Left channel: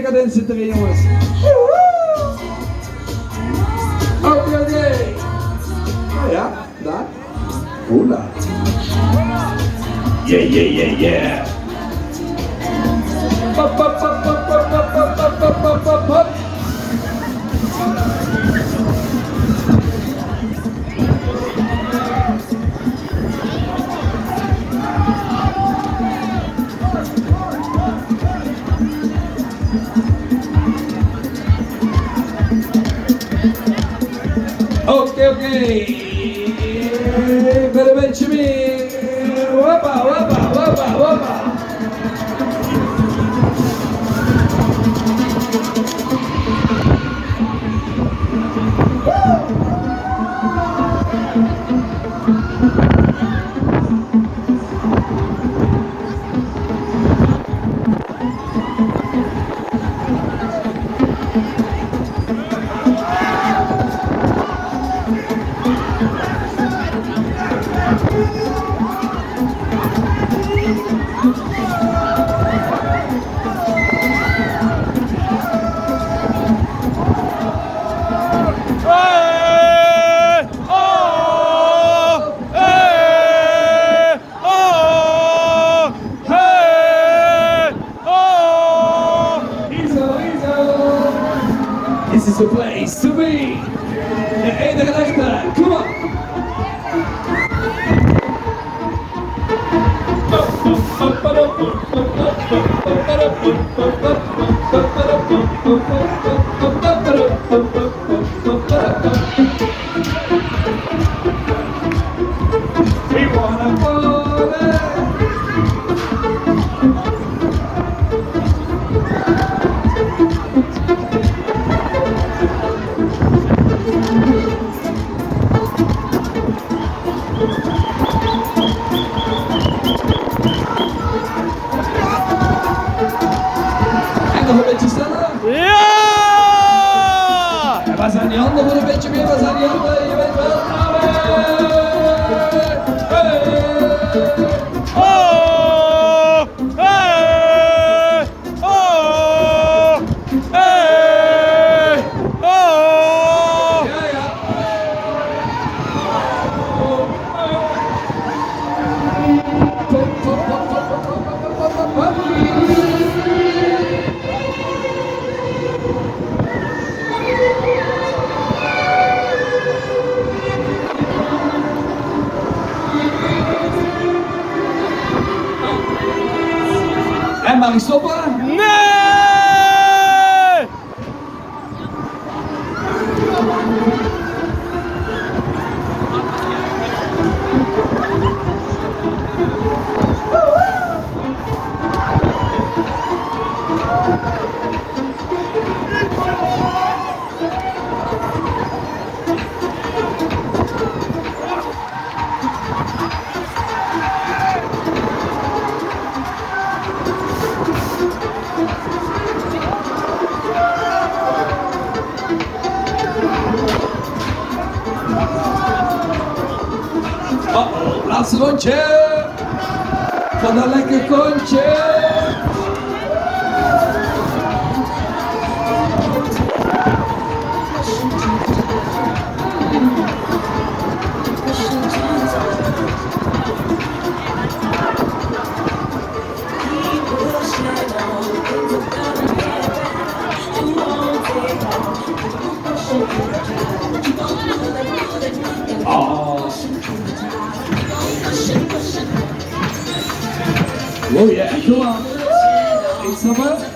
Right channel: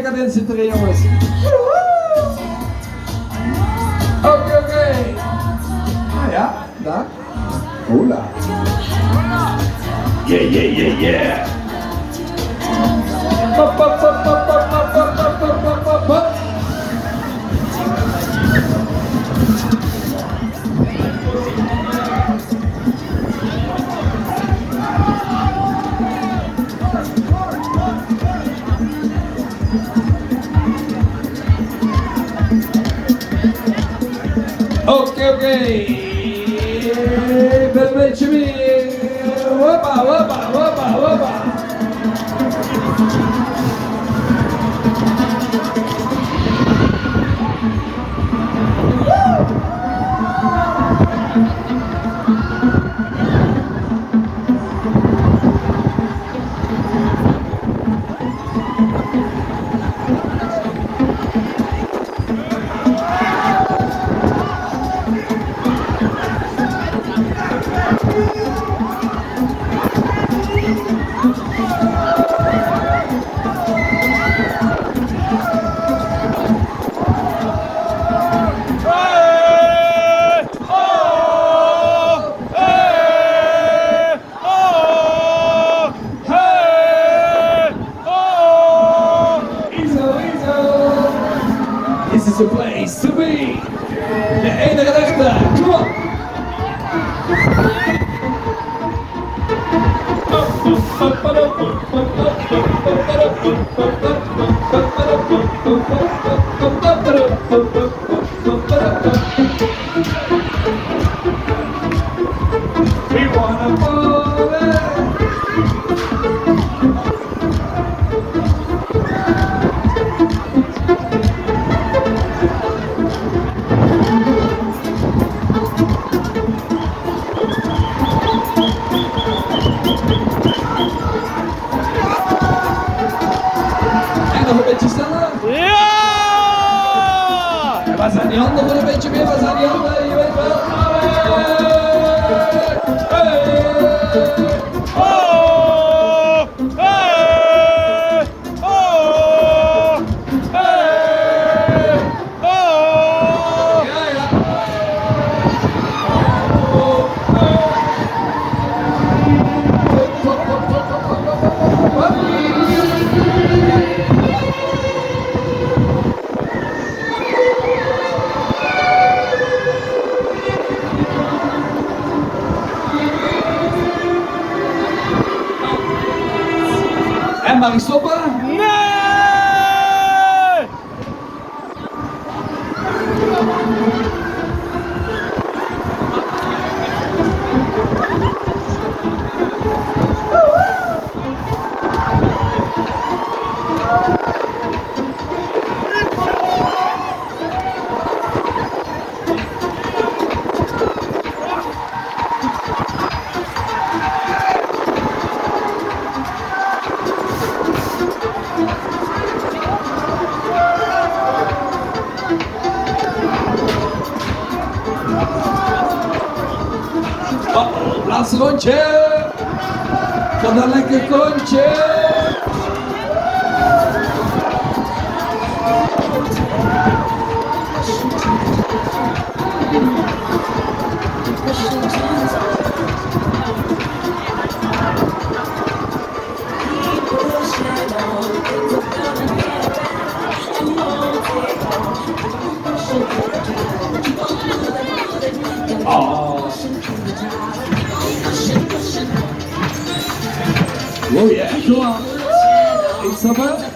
decadent zit erin, jongens. Oké. Ja, daar. Hola. Yeah. Oké. Met een beetje meer. Hoppa. This is the place to be. De enige echte. Kom op. We wanna nog een beetje sneller. Ja! En waar zijn die handen voor een beetje meer? Waar zijn die handen? Je weet wel. En mag ik stoppen? Nee! Laatste rondje van een lekker kontje. Oh yeah, come on. Ik snap het.